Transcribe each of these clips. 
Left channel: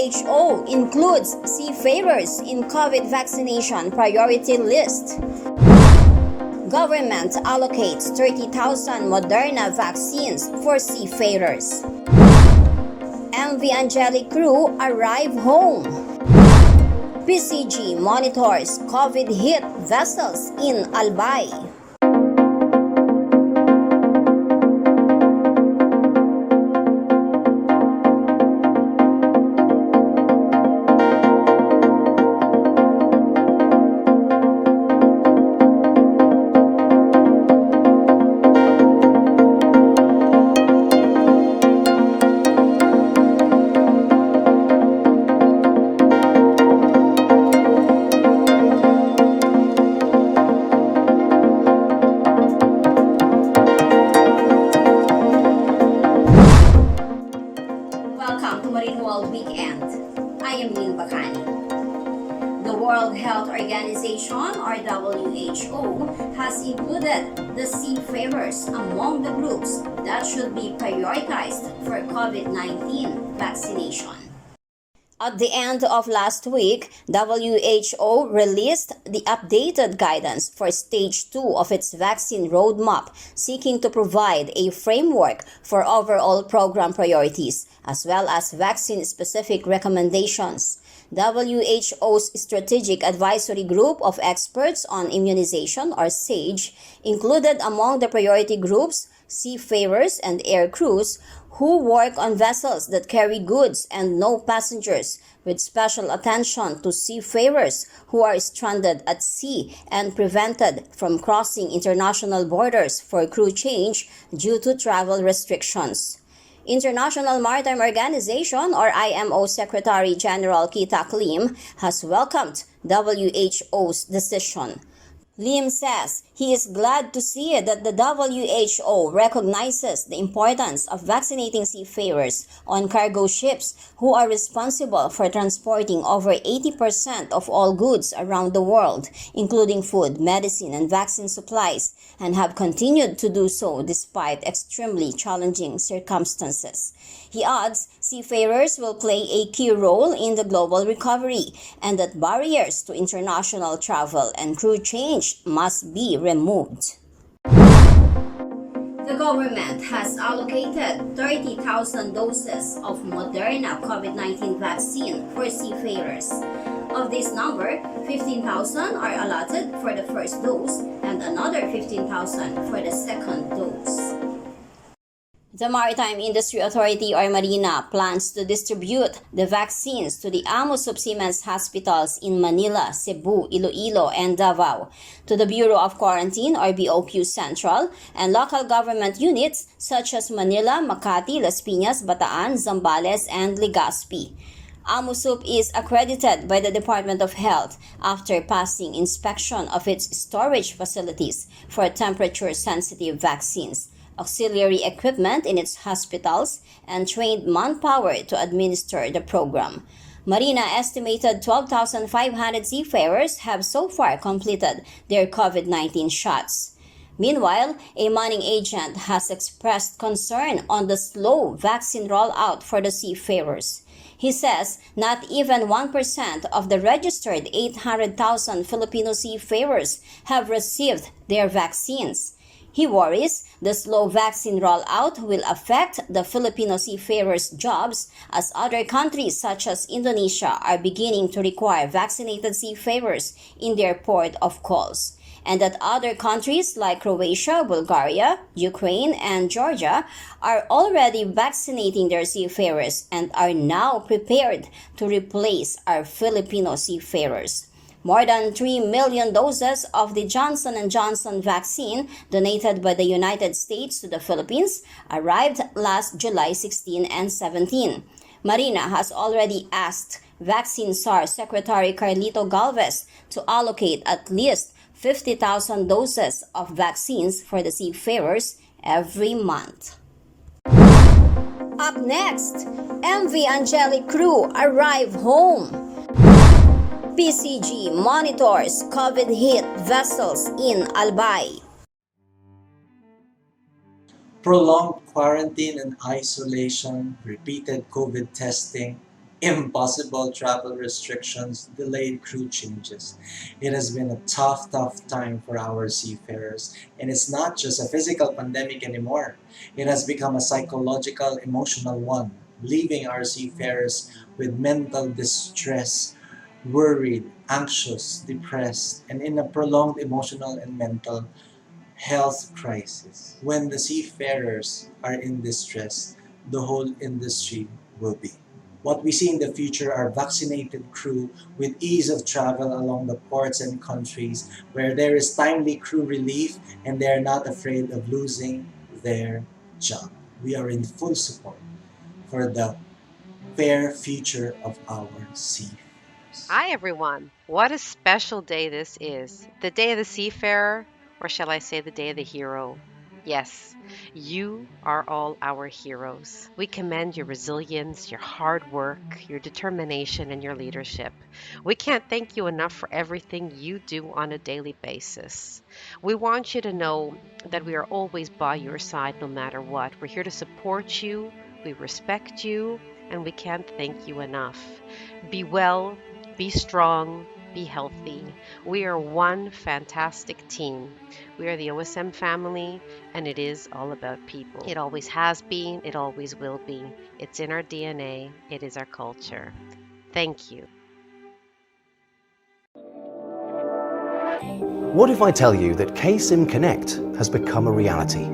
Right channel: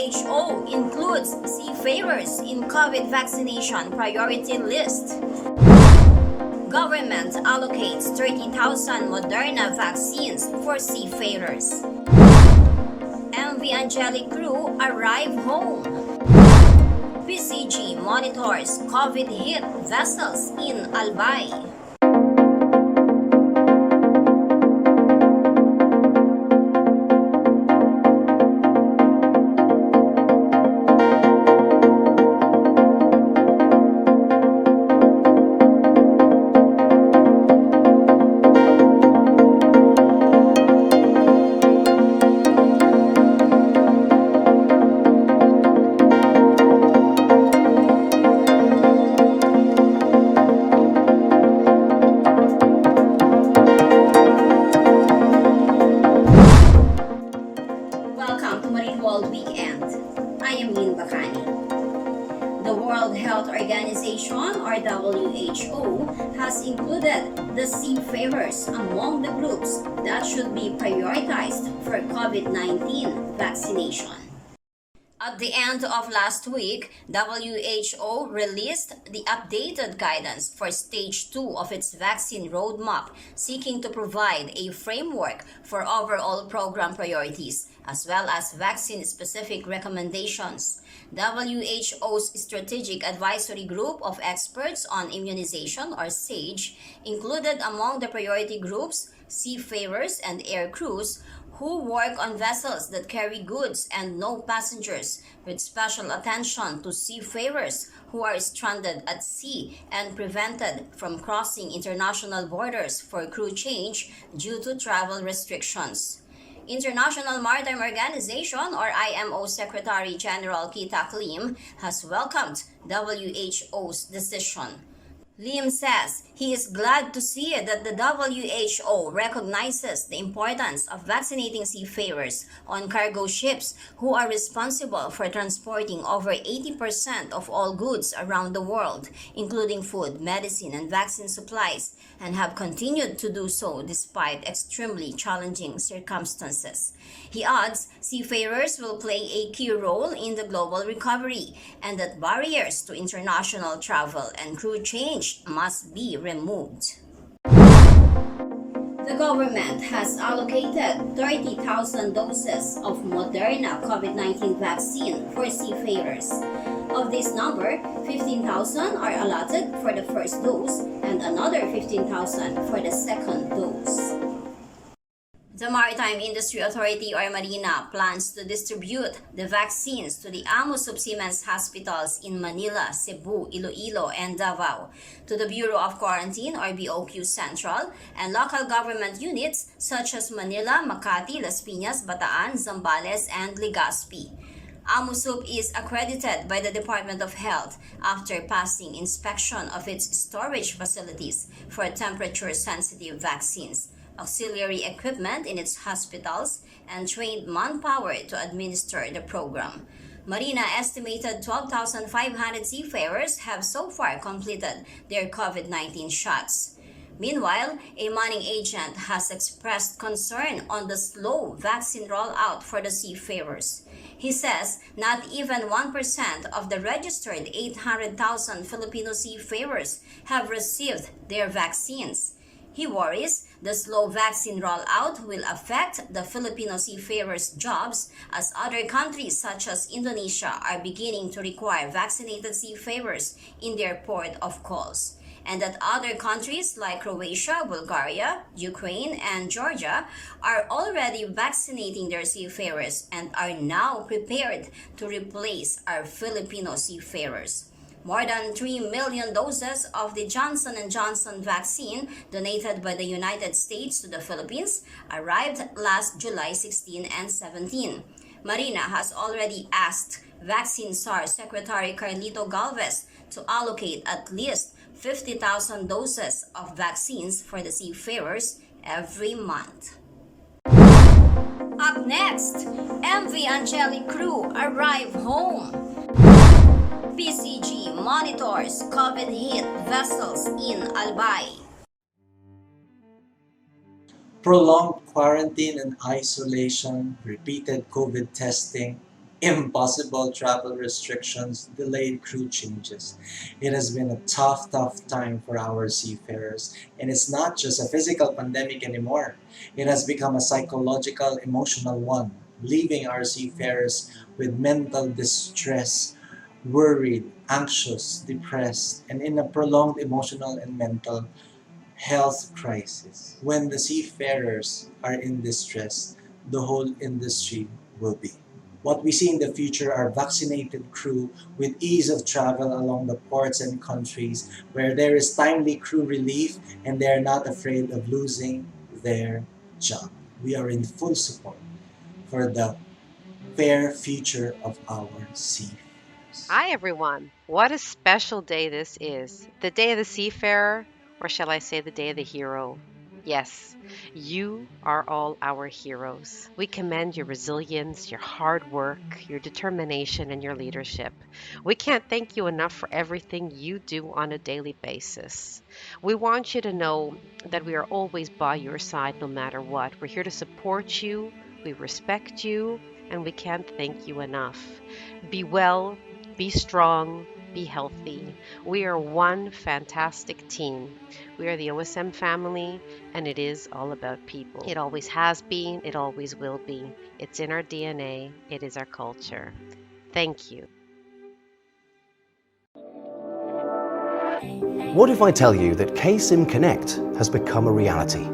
WHO includes seafarers in COVID vaccination priority list. Government allocates 30,000 Moderna vaccines for seafarers. MV Angelic crew arrive home. PCG monitors COVID-hit vessels in Albay. Welcome to Marine World Weekend. I am Lynn Bacani. The World Health Organization, or WHO, has included the seafarers among the groups that should be prioritized for COVID-19 vaccination. At the end of last week, WHO released the updated guidance for Stage 2 of its vaccine roadmap, seeking to provide a framework for overall program priorities, as well as vaccine-specific recommendations. WHO's Strategic Advisory Group of Experts on Immunization, or SAGE, included among the priority groups seafarers and air crews who work on vessels that carry goods and no passengers, with special attention to seafarers who are stranded at sea and prevented from crossing international borders for crew change due to travel restrictions. International Maritime Organization, or IMO Secretary General Kita Lim, has welcomed WHO's decision. Lim says he is glad to see that the WHO recognizes the importance of vaccinating seafarers on cargo ships who are responsible for transporting over 80% of all goods around the world, including food, medicine, and vaccine supplies, and have continued to do so despite extremely challenging circumstances. He adds seafarers will play a key role in the global recovery and that barriers to international travel and crew change must be removed. The government has allocated 30,000 doses of Moderna COVID-19 vaccine for seafarers. Of this number, 15,000 are allotted for the first dose and another 15,000 for the second dose. The Maritime Industry Authority, or Marina, plans to distribute the vaccines to the AMO Subseamen's hospitals in Manila, Cebu, Iloilo, and Davao, to the Bureau of Quarantine, or BOQ Central, and local government units such as Manila, Makati, Las Piñas, Bataan, Zambales, and Legazpi. AMOSUP is accredited by the Department of Health after passing inspection of its storage facilities for temperature-sensitive vaccines, auxiliary equipment in its hospitals, and trained manpower to administer the program. Marina estimated 12,500 seafarers have so far completed their COVID-19 shots. Meanwhile, a manning agent has expressed concern on the slow vaccine rollout for the seafarers. He says not even 1% of the registered 800,000 Filipino seafarers have received their vaccines. He worries the slow vaccine rollout will affect the Filipino seafarers' jobs as other countries such as Indonesia are beginning to require vaccinated seafarers in their port of calls, and that other countries like Croatia, Bulgaria, Ukraine, and Georgia are already vaccinating their seafarers and are now prepared to replace our Filipino seafarers. More than 3 million doses of the Johnson & Johnson vaccine donated by the United States to the Philippines arrived last July 16 and 17. Marina has already asked Vaccine SAR Secretary Carlito Galvez to allocate at least 50,000 doses of vaccines for the seafarers every month. Up next, MV Angelic crew arrive home. PCG monitors COVID-hit vessels in Albay. Prolonged quarantine and isolation, repeated COVID testing, Impossible travel restrictions, delayed crew changes. It has been a tough, tough time for our seafarers, and it's not just a physical pandemic anymore. It has become a psychological, emotional one, leaving our seafarers with mental distress, worried, anxious, depressed, and in a prolonged emotional and mental health crisis. When the seafarers are in distress, the whole industry will be. What we see in the future are vaccinated crew with ease of travel along the ports and countries where there is timely crew relief and they are not afraid of losing their job. We are in full support for the fair future of our seafarers. Hi, everyone. What a special day this is. The day of the seafarer, or shall I say the day of the hero? Yes, you are all our heroes. We commend your resilience, your hard work, your determination, and your leadership. We can't thank you enough for everything you do on a daily basis. We want you to know that we are always by your side no matter what. We're here to support you, we respect you, and we can't thank you enough. Be well, be strong, be healthy. We are one fantastic team. We are the OSM family, and it is all about people. It always has been, it always will be. It's in our DNA, it is our culture. Thank you. What if I tell you that KSIM Connect has become a reality?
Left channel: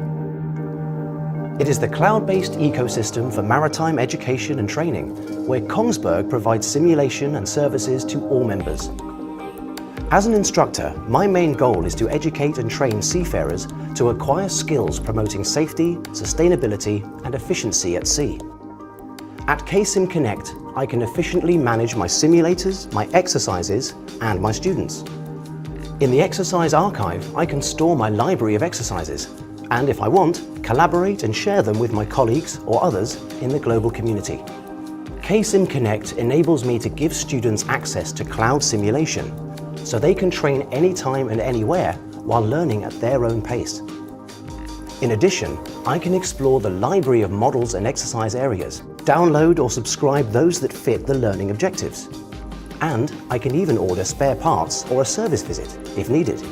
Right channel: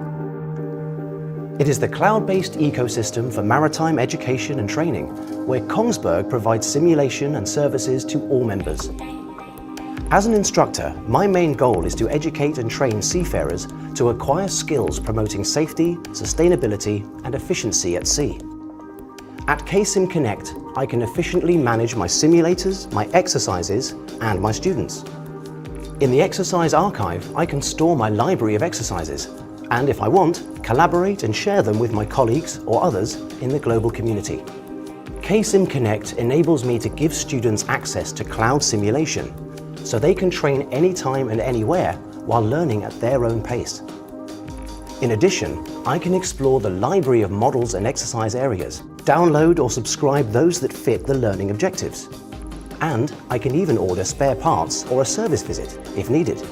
It is the cloud-based ecosystem for maritime education and training, where Kongsberg provides simulation and services to all members. As an instructor, my main goal is to educate and train seafarers to acquire skills promoting safety, sustainability, and efficiency at sea. At KSIM Connect, I can efficiently manage my simulators, my exercises, and my students. In the exercise archive, I can store my library of exercises, and if I want, collaborate and share them with my colleagues or others in the global community. KSIM Connect enables me to give students access to cloud simulation, so they can train anytime and anywhere while learning at their own pace. In addition, I can explore the library of models and exercise areas, download or subscribe those that fit the learning objectives. And I can even order spare parts or a service visit if needed.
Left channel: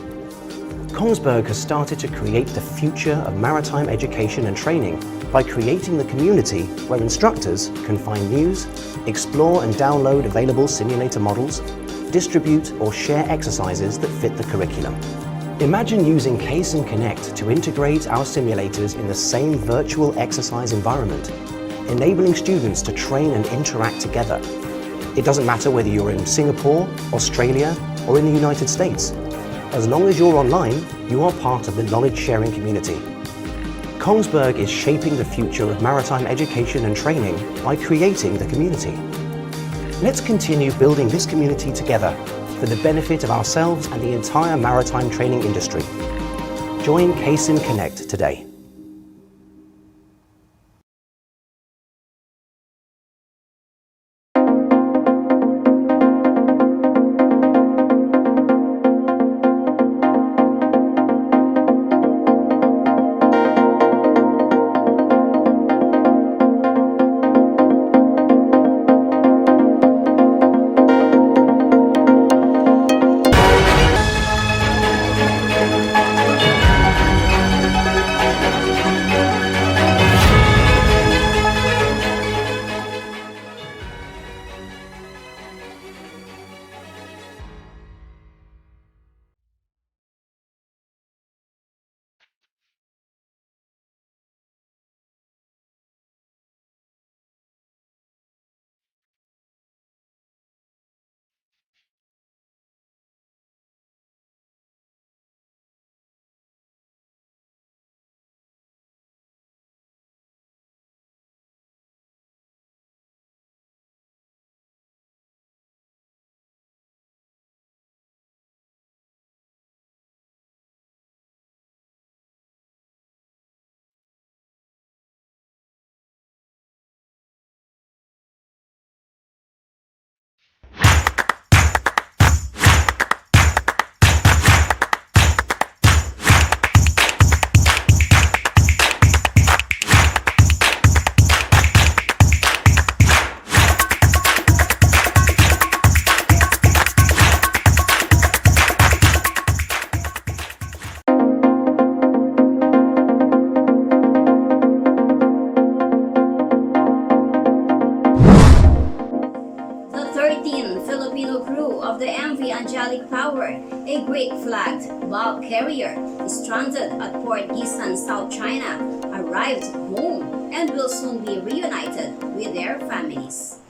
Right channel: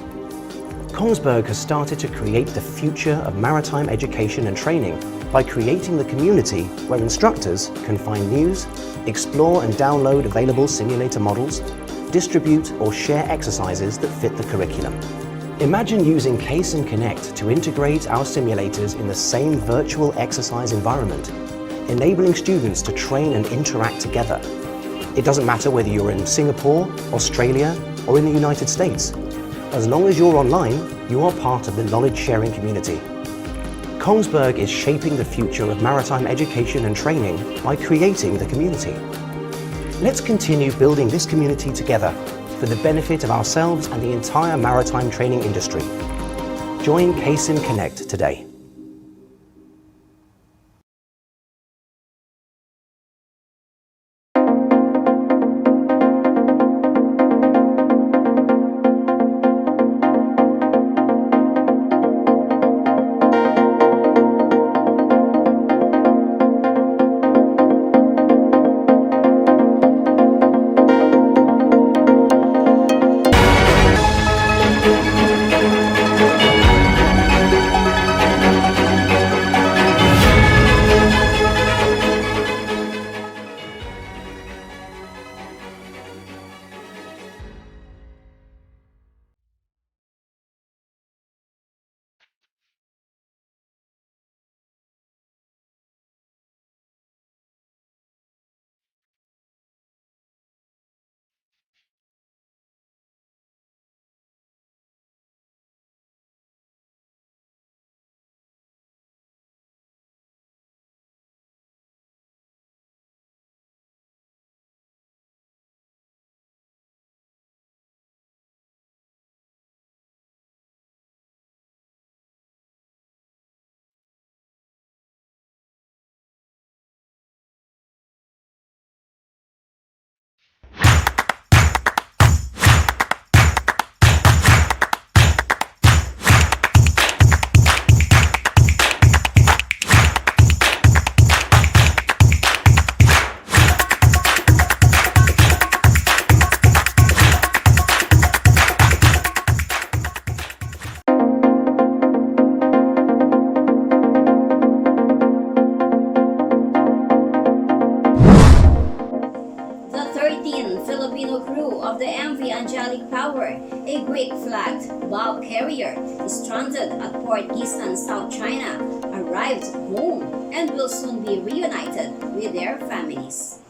Kongsberg has started to create the future of maritime education and training by creating the community where instructors can find news, explore and download available simulator models, distribute or share exercises that fit the curriculum. Imagine using KSIM Connect to integrate our simulators in the same virtual exercise environment, enabling students to train and interact together. It doesn't matter whether you're in Singapore, Australia, or in the United States. As long as you're online, you are part of the knowledge-sharing community. Kongsberg is shaping the future of maritime education and training by creating the community. Let's continue building this community together for the benefit of ourselves and the entire maritime training industry. Join KSIM Connect today. carrier stranded at Port Gisan, South China, arrived home and will soon be reunited with their families.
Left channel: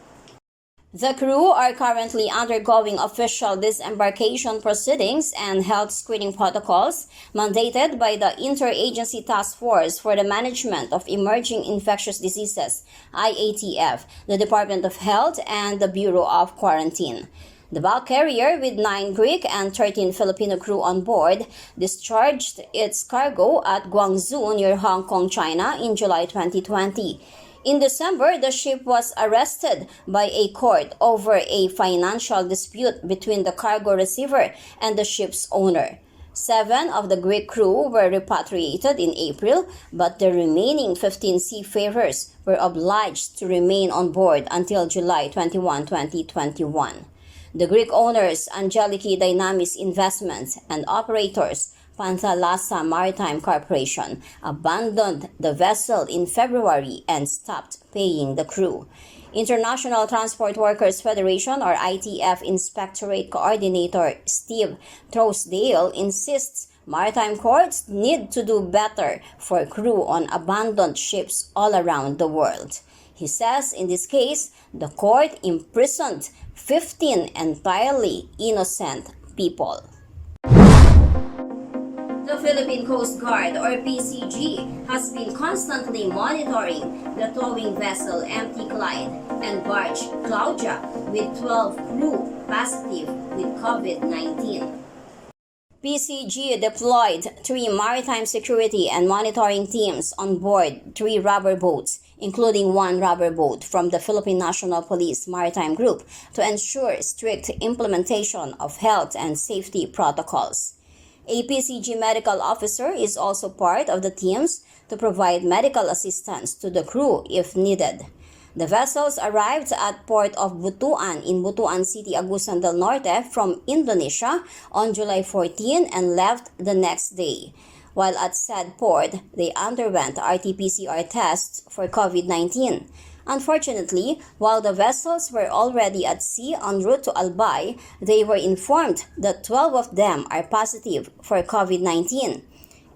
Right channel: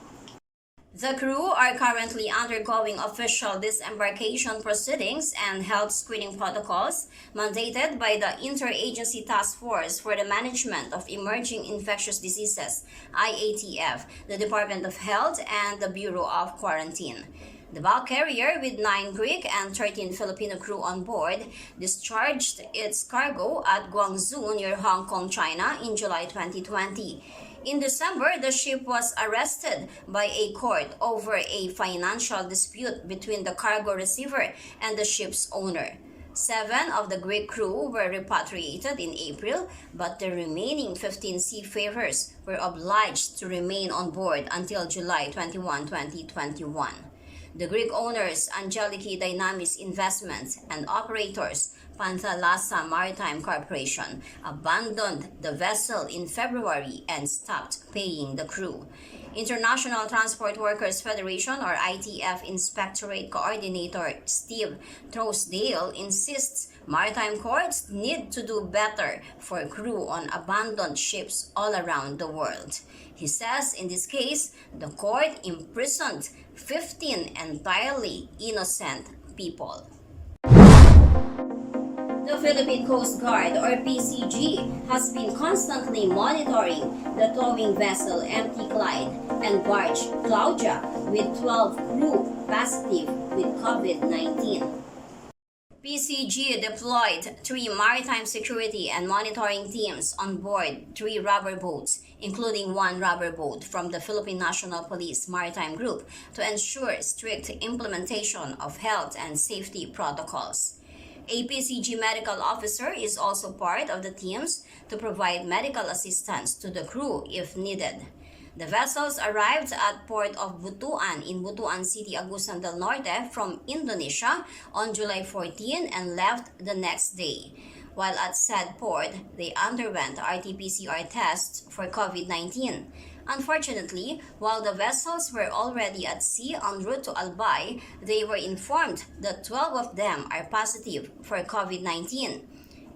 The crew are currently undergoing official disembarkation proceedings and health screening protocols mandated by the Interagency Task Force for the Management of Emerging Infectious Diseases, IATF, the Department of Health, and the Bureau of Quarantine. The bulk carrier, with 9 Greek and 13 Filipino crew on board, discharged its cargo at Guangzhou near Hong Kong, China in July 2020. In December, the ship was arrested by a court over a financial dispute between the cargo receiver and the ship's owner. 7 of the Greek crew were repatriated in April, but the remaining 15 seafarers were obliged to remain on board until July 21, 2021. The Greek owners, Angeliki Dynamis Investments, and operators, Panthalassa Maritime Corporation, abandoned the vessel in February and stopped paying the crew. International Transport Workers Federation, or ITF, Inspectorate Coordinator Steve Trousdale insists maritime courts need to do better for crew on abandoned ships all around the world. He says in this case, the court imprisoned 15 entirely innocent people. The Philippine Coast Guard, or PCG, has been constantly monitoring the towing vessel MT Clyde and barge Claudia with 12 crew positive with COVID-19. PCG deployed 3 maritime security and monitoring teams on board 3 rubber boats, including 1 rubber boat from the Philippine National Police Maritime Group, to ensure strict implementation of health and safety protocols. A PCG medical officer is also part of the teams to provide medical assistance to the crew if needed. The vessels arrived at Port of Butuan in Butuan City, Agusan del Norte from Indonesia on July 14 and left the next day. While at said port, they underwent RT-PCR tests for COVID-19. Unfortunately, while the vessels were already at sea en route to Albay, they were informed that 12 of them are positive for COVID-19.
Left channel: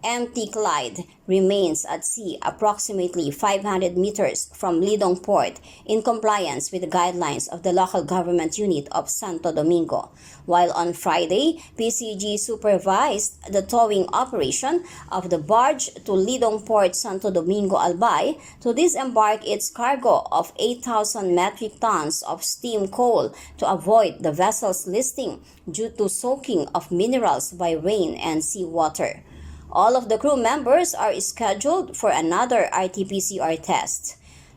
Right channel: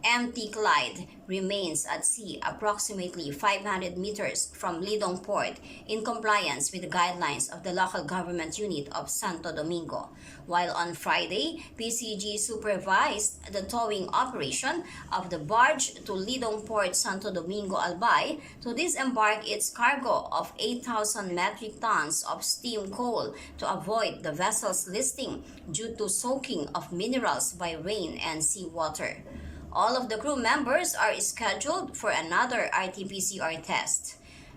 MT Clyde remains at sea approximately 500 meters from Lidong Port in compliance with the guidelines of the local government unit of Santo Domingo, while on Friday, PCG supervised the towing operation of the barge to Lidong Port Santo Domingo Albay to disembark its cargo of 8,000 metric tons of steam coal to avoid the vessel's listing due to soaking of minerals by rain and seawater. All of the crew members are scheduled for another RT-PCR test.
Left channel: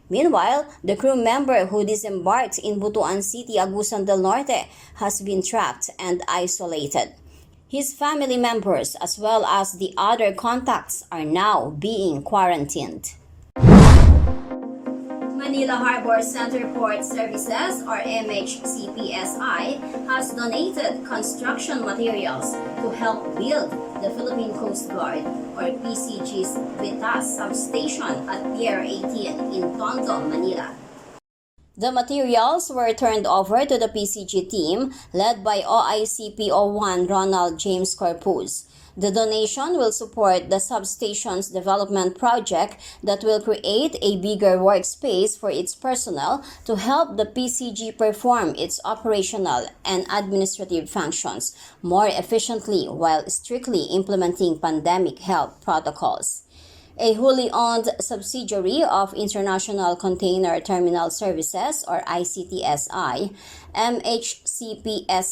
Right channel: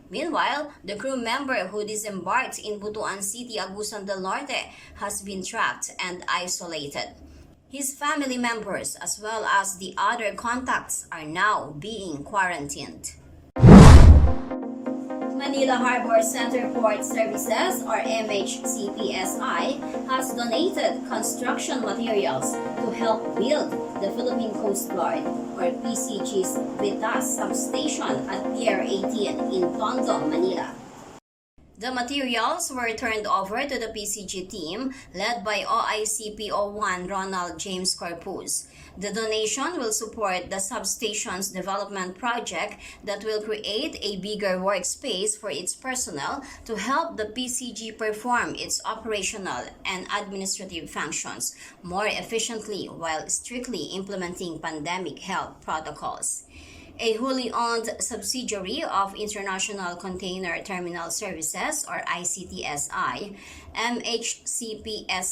Meanwhile, the crew member who disembarked in Butuan City, Agusan del Norte, has been tracked and isolated. His family members, as well as the other contacts, are now being quarantined. Manila Harbor Center Port Services, or MHCPSI, has donated construction materials to help build the Philippine Coast Guard, or PCG's Vitas substation at Pier 18 in Tondo, Manila. The materials were turned over to the PCG team led by OICPO1 Ronald James Corpus. The donation will support the substation's development project that will create a bigger workspace for its personnel to help the PCG perform its operational and administrative functions more efficiently while strictly implementing pandemic health protocols. A wholly owned subsidiary of International Container Terminal Services, or ICTSI, MHCPSI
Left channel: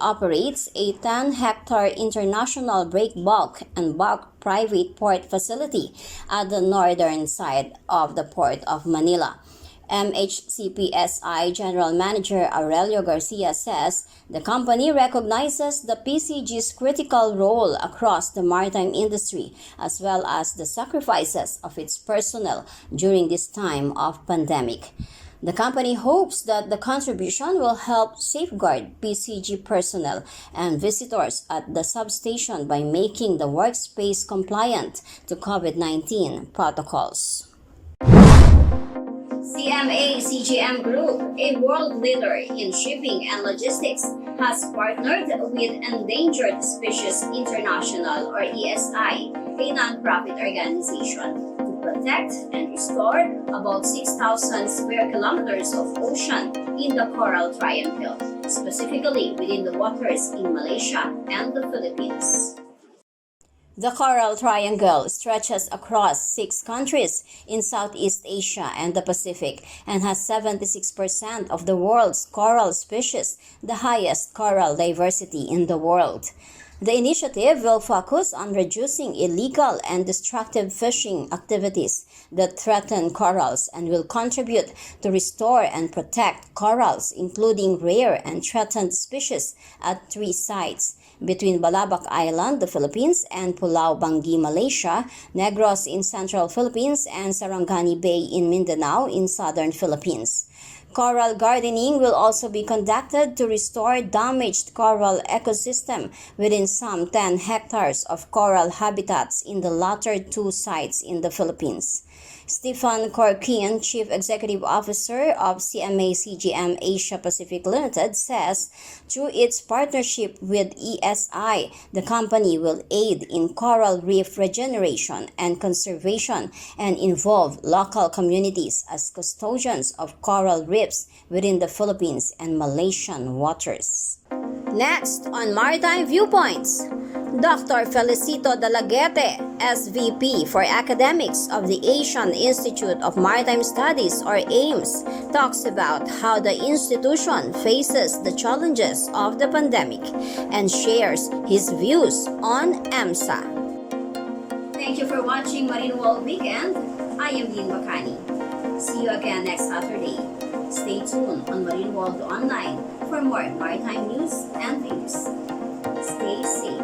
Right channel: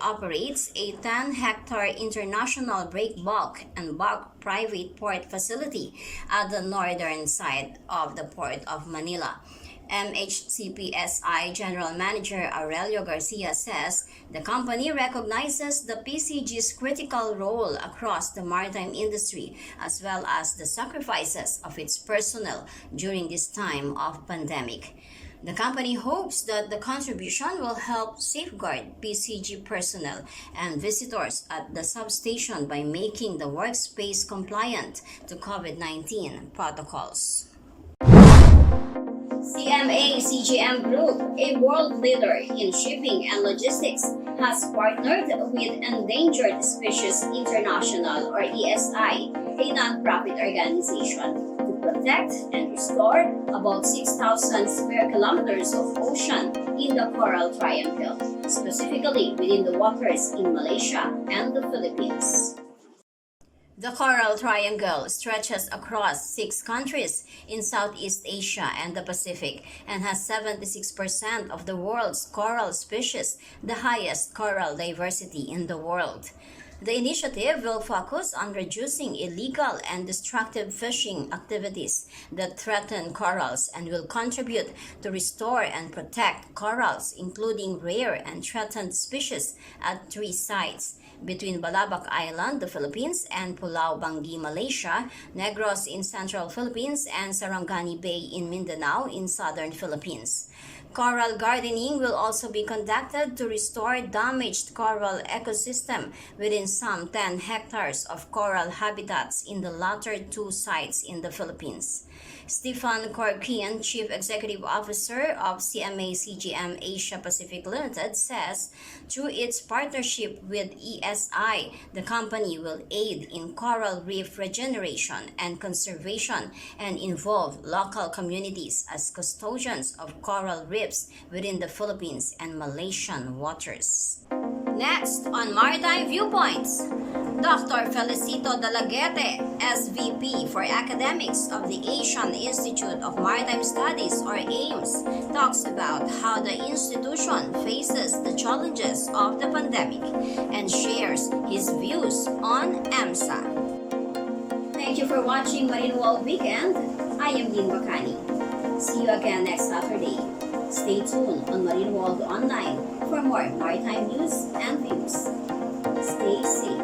operates a 10-hectare international break bulk and bulk private port facility at the northern side of the Port of Manila. MHCPSI General Manager Aurelio Garcia says the company recognizes the PCG's critical role across the maritime industry as well as the sacrifices of its personnel during this time of pandemic. The company hopes that the contribution will help safeguard PCG personnel and visitors at the substation by making the workspace compliant to COVID-19 protocols. CMA-CGM Group, a world leader in shipping and logistics, has partnered with Endangered Species International or ESI, a non-profit organization, to protect and restore about 6,000 square kilometers of ocean in the Coral Triangle, specifically within the waters in Malaysia and the Philippines. The Coral Triangle stretches across 6 countries in Southeast Asia and the Pacific and has 76% of the world's coral species, the highest coral diversity in the world. The initiative will focus on reducing illegal and destructive fishing activities that threaten corals and will contribute to restore and protect corals, including rare and threatened species, at 3 sites between Balabac Island, the Philippines, and Pulau Banggi, Malaysia, Negros in central Philippines, and Sarangani Bay in Mindanao in southern Philippines. Coral gardening will also be conducted to restore damaged coral ecosystem within some 10 hectares of coral habitats in the latter 2 sites in the Philippines. Stefan Corkian, Chief Executive Officer of CMA-CGM Asia Pacific Limited, says through its partnership with ESI, the company will aid in coral reef regeneration and conservation and involve local communities as custodians of coral reefs within the Philippines and Malaysian waters. Next on Maritime Viewpoints, Dr. Felicito Dalaguete, SVP for Academics of the Asian Institute of Maritime Studies or AIMS, talks about how the institution faces the challenges of the pandemic and shares his views on EMSA. Thank you for watching Marine World Weekend. I am Lynn Makani. See you again next Saturday. Stay tuned on Marine World Online for more maritime news and views. Stay safe.